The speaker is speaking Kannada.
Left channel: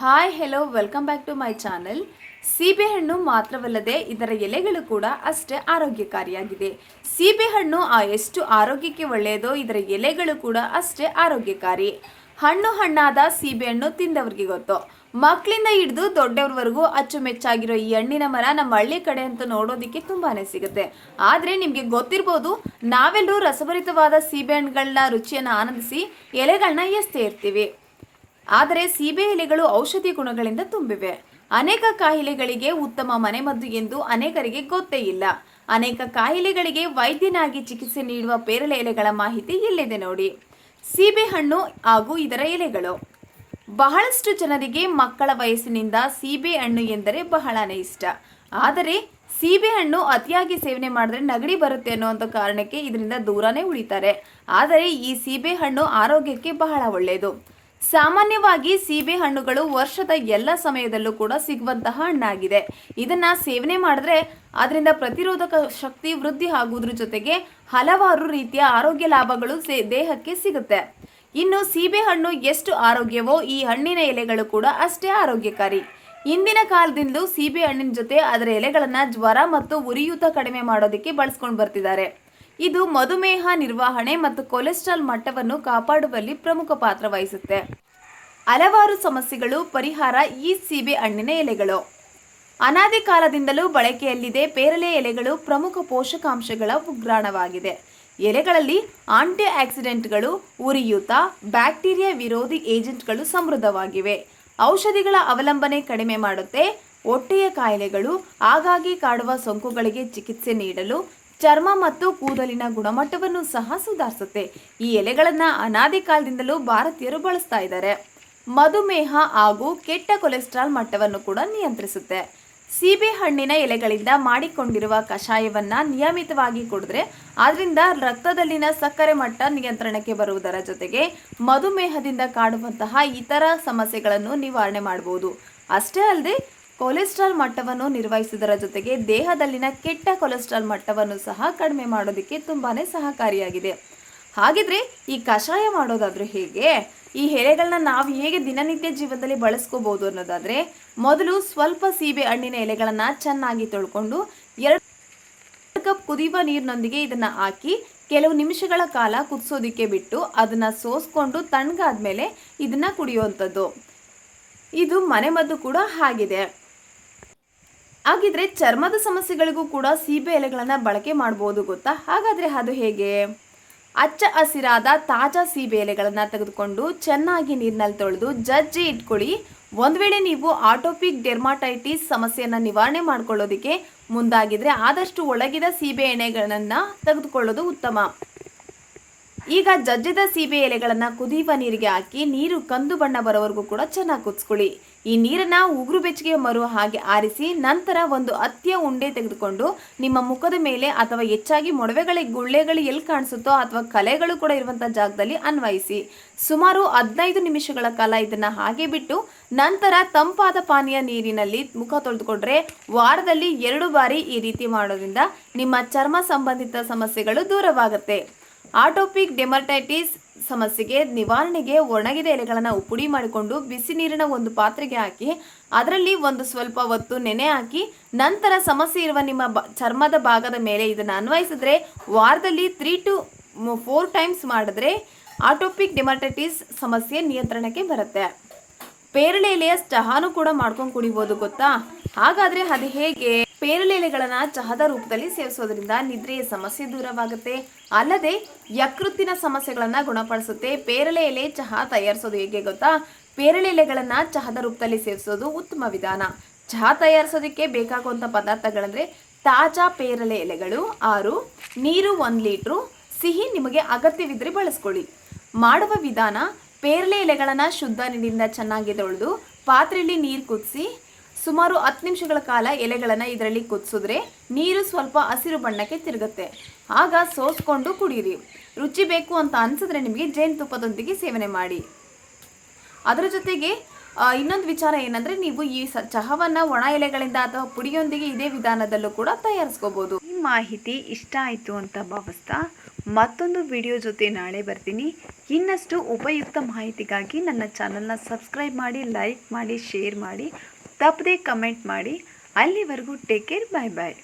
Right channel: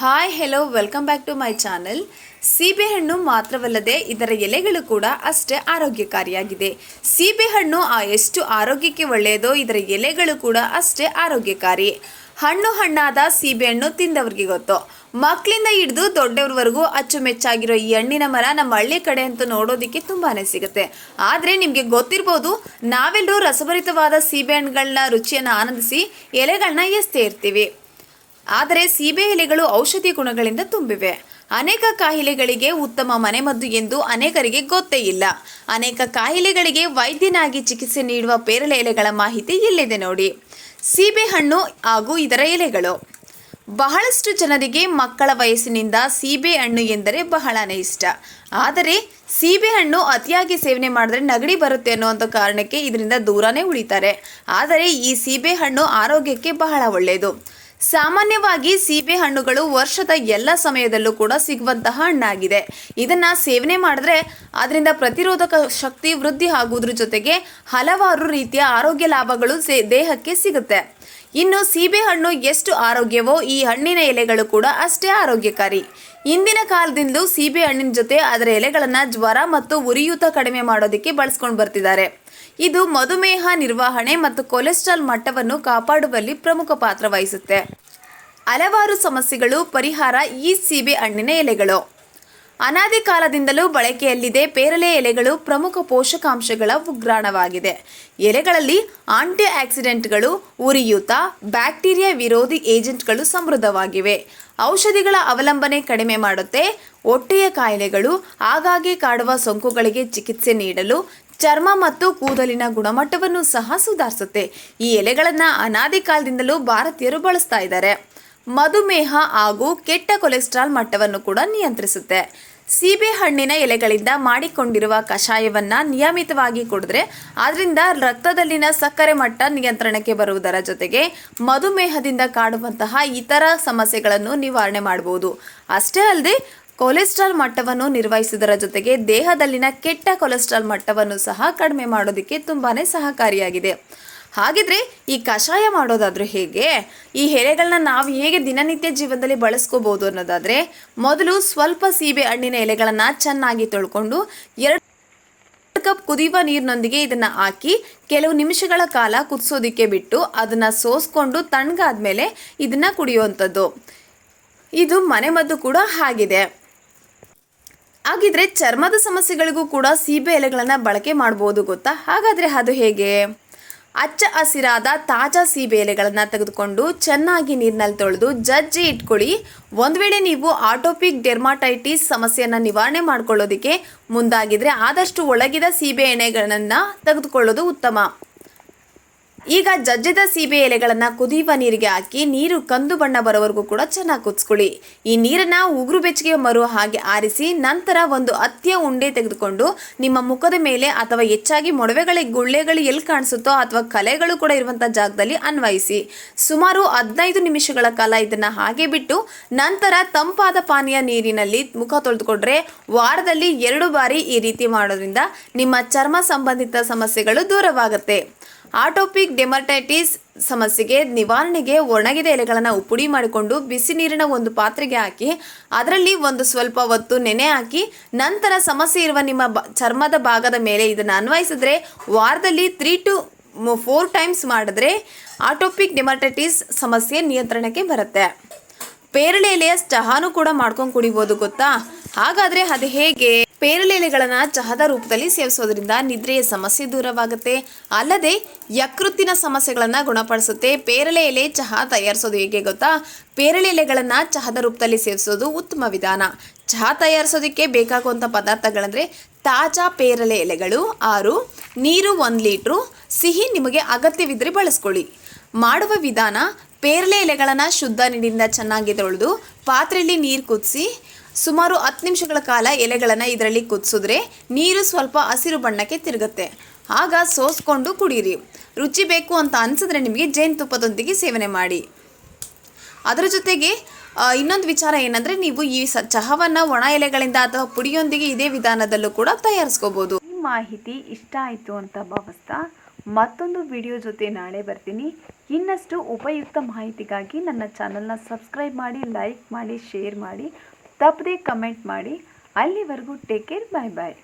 Hi hello welcome back to my channel ಸೀಬೆಹಣ್ಣು ಮಾತ್ರವಲ್ಲದೆ ಇದರ ಎಲೆಗಳು ಕೂಡ ಅಷ್ಟೇ ಆರೋಗ್ಯಕಾರಿಯಾಗಿದೆ. ಸೀಬೆಹಣ್ಣು ಆ ಎಷ್ಟು ಆರೋಗ್ಯಕ್ಕೆ ಒಳ್ಳೆಯದೋ ಇದರ ಎಲೆಗಳು ಕೂಡ ಅಷ್ಟೇ ಆರೋಗ್ಯಕಾರಿ. ಹಣ್ಣು ಹಣ್ಣಾದ ಸೀಬೆಹಣ್ಣು ತಿಂದವ್ರಿಗೆ ಗೊತ್ತು. ಮಕ್ಕಳಿಂದ ಹಿಡಿದು ದೊಡ್ಡವ್ರವರೆಗೂ ಅಚ್ಚುಮೆಚ್ಚಾಗಿರೋ ಈ ಹಣ್ಣಿನ ಮರ ನಮ್ಮ ಹಳ್ಳಿ ಕಡೆ ಅಂತೂ ನೋಡೋದಕ್ಕೆ ತುಂಬಾ ಸಿಗುತ್ತೆ. ಆದರೆ ನಿಮಗೆ ಗೊತ್ತಿರ್ಬೋದು, ನಾವೆಲ್ಲರೂ ರಸಭರಿತವಾದ ಸೀಬೆಹಣ್ಣುಗಳನ್ನ ರುಚಿಯನ್ನು ಆನಂದಿಸಿ ಎಲೆಗಳನ್ನ ಎಸ್ತೇ ಇರ್ತೀವಿ. ಆದರೆ ಸೀಬೆ ಎಲೆಗಳು ಔಷಧಿ ಗುಣಗಳಿಂದ ತುಂಬಿವೆ. ಅನೇಕ ಕಾಯಿಲೆಗಳಿಗೆ ಉತ್ತಮ ಮನೆಮದ್ದು ಎಂದು ಅನೇಕರಿಗೆ ಗೊತ್ತೇ ಇಲ್ಲ. ಅನೇಕ ಕಾಯಿಲೆಗಳಿಗೆ ವೈದ್ಯನಾಗಿ ಚಿಕಿತ್ಸೆ ನೀಡುವ ಪೇರಳೆ ಎಲೆಗಳ ಮಾಹಿತಿ ಇಲ್ಲಿದೆ ನೋಡಿ. ಸೀಬೆಹಣ್ಣು ಹಾಗೂ ಇದರ ಎಲೆಗಳು. ಬಹಳಷ್ಟು ಜನರಿಗೆ ಮಕ್ಕಳ ವಯಸ್ಸಿನಿಂದ ಸೀಬೆ ಹಣ್ಣು ಎಂದರೆ ಬಹಳನೇ ಇಷ್ಟ. ಆದರೆ ಸೀಬೆ ಹಣ್ಣು ಅತಿಯಾಗಿ ಸೇವನೆ ಮಾಡಿದ್ರೆ ನಗಡಿ ಬರುತ್ತೆ ಅನ್ನುವಂಥ ಕಾರಣಕ್ಕೆ ಇದರಿಂದ ದೂರನೇ ಉಳಿತಾರೆ. ಆದರೆ ಈ ಸೀಬೆ ಹಣ್ಣು ಆರೋಗ್ಯಕ್ಕೆ ಬಹಳ ಒಳ್ಳೆಯದು. ಸಾಮಾನ್ಯವಾಗಿ ಸೀಬೆ ಹಣ್ಣುಗಳು ವರ್ಷದ ಎಲ್ಲ ಸಮಯದಲ್ಲೂ ಕೂಡ ಸಿಗುವಂತಹ ಹಣ್ಣಾಗಿದೆ. ಇದನ್ನ ಸೇವನೆ ಮಾಡಿದ್ರೆ ಅದರಿಂದ ಪ್ರತಿರೋಧಕ ಶಕ್ತಿ ವೃದ್ಧಿ ಆಗುವುದ್ರ ಜೊತೆಗೆ ಹಲವಾರು ರೀತಿಯ ಆರೋಗ್ಯ ಲಾಭಗಳು ದೇಹಕ್ಕೆ ಸಿಗುತ್ತೆ. ಇನ್ನು ಸೀಬೆ ಹಣ್ಣು ಎಷ್ಟು ಆರೋಗ್ಯವೋ ಈ ಹಣ್ಣಿನ ಎಲೆಗಳು ಕೂಡ ಅಷ್ಟೇ ಆರೋಗ್ಯಕಾರಿ. ಇಂದಿನ ಕಾಲದಿಂದಲೂ ಸೀಬೆ ಹಣ್ಣಿನ ಜೊತೆ ಅದರ ಎಲೆಗಳನ್ನು ಜ್ವರ ಮತ್ತು ಉರಿಯೂತ ಕಡಿಮೆ ಮಾಡೋದಕ್ಕೆ ಬಳಸ್ಕೊಂಡು ಬರ್ತಿದ್ದಾರೆ. ಇದು ಮಧುಮೇಹ ನಿರ್ವಹಣೆ ಮತ್ತು ಕೊಲೆಸ್ಟ್ರಾಲ್ ಮಟ್ಟವನ್ನು ಕಾಪಾಡುವಲ್ಲಿ ಪ್ರಮುಖ ಪಾತ್ರ ವಹಿಸುತ್ತೆ. ಹಲವಾರು ಸಮಸ್ಯೆಗಳು, ಪರಿಹಾರ ಈ ಸೀಬೆ ಹಣ್ಣಿನ ಎಲೆಗಳು. ಅನಾದಿ ಕಾಲದಿಂದಲೂ ಬಳಕೆಯಲ್ಲಿದೆ ಪೇರಲೆ ಎಲೆಗಳು ಪ್ರಮುಖ ಪೋಷಕಾಂಶಗಳ ಉಗ್ರಾಣವಾಗಿದೆ. ಎಲೆಗಳಲ್ಲಿ ಆಂಟಿ ಆಕ್ಸಿಡೆಂಟ್ಗಳು, ಉರಿಯೂತ, ಬ್ಯಾಕ್ಟೀರಿಯಾ ವಿರೋಧಿ ಏಜೆಂಟ್ಗಳು ಸಮೃದ್ಧವಾಗಿವೆ. ಔಷಧಿಗಳ ಅವಲಂಬನೆ ಕಡಿಮೆ ಮಾಡುತ್ತೆ. ಹೊಟ್ಟೆಯ ಕಾಯಿಲೆಗಳು ಆಗಾಗ್ಗೆ ಕಾಡುವ ಸೋಂಕುಗಳಿಗೆ ಚಿಕಿತ್ಸೆ ನೀಡಲು ಚರ್ಮ ಮತ್ತು ಕೂದಲಿನ ಗುಣಮಟ್ಟವನ್ನು ಸಹ ಸುಧಾರಿಸುತ್ತೆ. ಈ ಎಲೆಗಳನ್ನು ಅನಾದಿ ಕಾಲದಿಂದಲೂ ಭಾರತೀಯರು ಬಳಸ್ತಾ ಇದ್ದಾರೆ. ಮಧುಮೇಹ ಹಾಗೂ ಕೆಟ್ಟ ಕೊಲೆಸ್ಟ್ರಾಲ್ ಮಟ್ಟವನ್ನು ಕೂಡ ನಿಯಂತ್ರಿಸುತ್ತೆ. ಸೀಬೆ ಹಣ್ಣಿನ ಎಲೆಗಳಿಂದ ಮಾಡಿಕೊಂಡಿರುವ ಕಷಾಯವನ್ನು ನಿಯಮಿತವಾಗಿ ಕುಡಿದ್ರೆ ಅದರಿಂದ ರಕ್ತದಲ್ಲಿನ ಸಕ್ಕರೆ ಮಟ್ಟ ನಿಯಂತ್ರಣಕ್ಕೆ ಬರುವುದರ ಜೊತೆಗೆ ಮಧುಮೇಹದಿಂದ ಕಾಡುವಂತಹ ಇತರ ಸಮಸ್ಯೆಗಳನ್ನು ನಿವಾರಣೆ ಮಾಡಬಹುದು. ಅಷ್ಟೇ ಅಲ್ಲದೆ, ಕೊಲೆಸ್ಟ್ರಾಲ್ ಮಟ್ಟವನ್ನು ನಿರ್ವಹಿಸುವುದರ ಜೊತೆಗೆ ದೇಹದಲ್ಲಿನ ಕೆಟ್ಟ ಕೊಲೆಸ್ಟ್ರಾಲ್ ಮಟ್ಟವನ್ನು ಸಹ ಕಡಿಮೆ ಮಾಡೋದಕ್ಕೆ ತುಂಬಾನೇ ಸಹಕಾರಿಯಾಗಿದೆ. ಹಾಗಿದ್ರೆ ಈ ಕಷಾಯ ಮಾಡೋದಾದ್ರೂ ಹೇಗೆ? ಈ ಎಲೆಗಳನ್ನ ನಾವು ಹೇಗೆ ದಿನನಿತ್ಯ ಜೀವನದಲ್ಲಿ ಬಳಸ್ಕೋಬಹುದು ಅನ್ನೋದಾದ್ರೆ ಮೊದಲು ಸ್ವಲ್ಪ ಸೀಬೆ ಹಣ್ಣಿನ ಎಲೆಗಳನ್ನು ಚೆನ್ನಾಗಿ ತೊಳ್ಕೊಂಡು ಎರಡು ಕಪ್ ಕುದಿಯುವ ನೀರಿನೊಂದಿಗೆ ಇದನ್ನ ಹಾಕಿ ಕೆಲವು ನಿಮಿಷಗಳ ಕಾಲ ಕುದಿಸೋದಿಕ್ಕೆ ಬಿಟ್ಟು ಅದನ್ನ ಸೋಸ್ಕೊಂಡು ತಣ್ಣಗಾದ್ಮೇಲೆ ಇದನ್ನ ಕುಡಿಯುವಂಥದ್ದು. ಇದು ಮನೆಮದ್ದು ಕೂಡ ಆಗಿದೆ ಹಾಗಿದ್ರೆ ಚರ್ಮದ ಸಮಸ್ಯೆಗಳಿಗೂ ಕೂಡ ಸೀಬೆ ಎಲೆಗಳನ್ನು ಬಳಕೆ ಮಾಡ್ಬೋದು ಗೊತ್ತಾ? ಹಾಗಾದ್ರೆ ಅದು ಹೇಗೆ? ಅಚ್ಚ ಹಸಿರಾದ ತಾಜಾ ಸೀಬೆ ಎಲೆಗಳನ್ನು ತೆಗೆದುಕೊಂಡು ಚೆನ್ನಾಗಿ ನೀರಿನಲ್ಲಿ ತೊಳೆದು ಜಜ್ಜಿ ಇಟ್ಕೊಳ್ಳಿ. ಒಂದು ವೇಳೆ ನೀವು ಆಟೋಪಿಕ್ ಡೆರ್ಮಾಟೈಟಿಸ್ ಸಮಸ್ಯೆಯನ್ನು ನಿವಾರಣೆ ಮಾಡ್ಕೊಳ್ಳೋದಕ್ಕೆ ಮುಂದಾಗಿದ್ರೆ ಆದಷ್ಟು ಒಳಗಿದ ಸೀಬೆ ಎಣ್ಣೆಗಳನ್ನು ತೆಗೆದುಕೊಳ್ಳೋದು ಉತ್ತಮ. ಈಗ ಜಜ್ಜಿದ ಸೀಬೆ ಎಲೆಗಳನ್ನು ಕುದಿಯುವ ನೀರಿಗೆ ಹಾಕಿ ನೀರು ಕಂದು ಬಣ್ಣ ಬರೋವರೆಗೂ ಕೂಡ ಚೆನ್ನಾಗಿ ಕುದಿಸ್ಕೊಳ್ಳಿ. ಈ ನೀರನ್ನ ಉಗುರು ಬೆಚ್ಚಗೆ ಮರು ಹಾಗೆ ಆರಿಸಿ ನಂತರ ಒಂದು ಅತ್ಯ ಉಂಡೆ ತೆಗೆದುಕೊಂಡು ನಿಮ್ಮ ಮುಖದ ಮೇಲೆ ಅಥವಾ ಹೆಚ್ಚಾಗಿ ಮೊಡವೆಗಳ ಗುಳ್ಳೆಗಳು ಎಲ್ಲಿ ಕಾಣಿಸುತ್ತೋ ಅಥವಾ ಕಲೆಗಳು ಕೂಡ ಇರುವಂಥ ಜಾಗದಲ್ಲಿ ಅನ್ವಯಿಸಿ. ಸುಮಾರು ಹದಿನೈದು ನಿಮಿಷಗಳ ಕಾಲ ಇದನ್ನ ಹಾಗೆ ಬಿಟ್ಟು ನಂತರ ತಂಪಾದ ಪಾನೀಯ ನೀರಿನಲ್ಲಿ ಮುಖ ತೊಳೆದುಕೊಂಡ್ರೆ ವಾರದಲ್ಲಿ ಎರಡು ಬಾರಿ ಈ ರೀತಿ ಮಾಡೋದ್ರಿಂದ ನಿಮ್ಮ ಚರ್ಮ ಸಂಬಂಧಿತ ಸಮಸ್ಯೆಗಳು ದೂರವಾಗುತ್ತೆ. ಆಟೋಪಿಕ್ ಡೆಮರ್ಟೈಟಿಸ್ ಸಮಸ್ಯೆಗೆ ನಿವಾರಣೆಗೆ ಒಣಗಿದ ಎಲೆಗಳನ್ನು ಉಪುಡಿ ಮಾಡಿಕೊಂಡು ಬಿಸಿ ನೀರಿನ ಒಂದು ಪಾತ್ರೆಗೆ ಹಾಕಿ, ಅದರಲ್ಲಿ ಒಂದು ಸ್ವಲ್ಪ ಹೊತ್ತು ನೆನೆ ಹಾಕಿ, ನಂತರ ಸಮಸ್ಯೆ ಇರುವ ನಿಮ್ಮ ಚರ್ಮದ ಭಾಗದ ಮೇಲೆ ಇದನ್ನು ಅನ್ವಯಿಸಿದ್ರೆ ವಾರದಲ್ಲಿ ತ್ರೀ ಟು ಫೋರ್ ಟೈಮ್ಸ್ ಮಾಡಿದ್ರೆ ಆಟೋಪಿಕ್ ಡೆಮರ್ಟೈಟಿಸ್ ಸಮಸ್ಯೆ ನಿಯಂತ್ರಣಕ್ಕೆ ಬರುತ್ತೆ. ಪೇರಳೆ ಎಲೆಯ ಚಹಾನು ಕೂಡ ಮಾಡ್ಕೊಂಡು ಕುಡಿಬೋದು, ಗೊತ್ತಾ? ಹಾಗಾದರೆ ಅದು ಹೇಗೆ? ಪೇರಳೆ ಎಲೆಗಳನ್ನ ಚಹದ ರೂಪದಲ್ಲಿ ಸೇವಿಸೋದ್ರಿಂದ ನಿದ್ರೆಯ ಸಮಸ್ಯೆ ದೂರವಾಗುತ್ತೆ. ಅಲ್ಲದೆ ಯಕೃತ್ತಿನ ಸಮಸ್ಯೆಗಳನ್ನು ಗುಣಪಡಿಸುತ್ತೆ. ಪೇರಳೆ ಎಲೆ ಚಹಾ ತಯಾರಿಸೋದು ಹೇಗೆ ಗೊತ್ತಾ? ಪೇರಳೆ ಎಲೆಗಳನ್ನು ಚಹದ ರೂಪದಲ್ಲಿ ಸೇವಿಸೋದು ಉತ್ತಮ ವಿಧಾನ. ಚಹಾ ತಯಾರಿಸೋದಕ್ಕೆ ಬೇಕಾಗುವಂಥ ಪದಾರ್ಥಗಳಂದ್ರೆ ತಾಜಾ ಪೇರಳೆ ಎಲೆಗಳು ಆರು, ನೀರು ಒಂದು ಲೀಟ್ರು, ಸಿಹಿ ನಿಮಗೆ ಅಗತ್ಯವಿದ್ದರೆ ಬಳಸ್ಕೊಳ್ಳಿ. ಮಾಡುವ ವಿಧಾನ ಪೇರಳೆ ಎಲೆಗಳನ್ನು ಶುದ್ಧ ನೀರಿನಿಂದ ಚೆನ್ನಾಗಿ ತೊಳೆದು, ಪಾತ್ರೆಯಲ್ಲಿ ನೀರು ಕುದಿಸಿ ಸುಮಾರು ಹತ್ತು ನಿಮಿಷಗಳ ಕಾಲ ಎಲೆಗಳನ್ನು ಇದರಲ್ಲಿ ಕುದಿಸಿದ್ರೆ ನೀರು ಸ್ವಲ್ಪ ಹಸಿರು ಬಣ್ಣಕ್ಕೆ ತಿರುಗುತ್ತೆ. ಆಗ ಸೋಸ್ಕೊಂಡು ಕುಡೀರಿ. ರುಚಿ ಬೇಕು ಅಂತ ಅನಿಸಿದ್ರೆ ನಿಮಗೆ ಜೇನುತುಪ್ಪದೊಂದಿಗೆ ಸೇವನೆ ಮಾಡಿ. ಅದರ ಜೊತೆಗೆ ಇನ್ನೊಂದು ವಿಚಾರ ಏನಂದರೆ ನೀವು ಈ ಸ, ಚಹಾವನ್ನು ಒಣ ಎಲೆಗಳಿಂದ ಅಥವಾ ಪುಡಿಯೊಂದಿಗೆ ಇದೇ ವಿಧಾನದಲ್ಲೂ ಕೂಡ ತಯಾರಿಸ್ಕೋಬೋದು. ಈ ಮಾಹಿತಿ ಇಷ್ಟ ಆಯಿತು ಅಂತ ಭಾವಿಸ್ತಾ ಮತ್ತೊಂದು ವಿಡಿಯೋ ಜೊತೆ ನಾಳೆ ಬರ್ತೀನಿ. ಇನ್ನಷ್ಟು ಉಪಯುಕ್ತ ಮಾಹಿತಿಗಾಗಿ ನನ್ನ ಚಾನಲ್ನ ಸಬ್ಸ್ಕ್ರೈಬ್ ಮಾಡಿ, ಲೈಕ್ ಮಾಡಿ, ಶೇರ್ ಮಾಡಿ. ತಪ್ಪದೇ ಕಮೆಂಟ್ ಮಾಡಿ. ಅಲ್ಲಿವರೆಗೂ ಟೇಕ್ ಕೇರ್ ಬಾಯ್ ಬಾಯ್.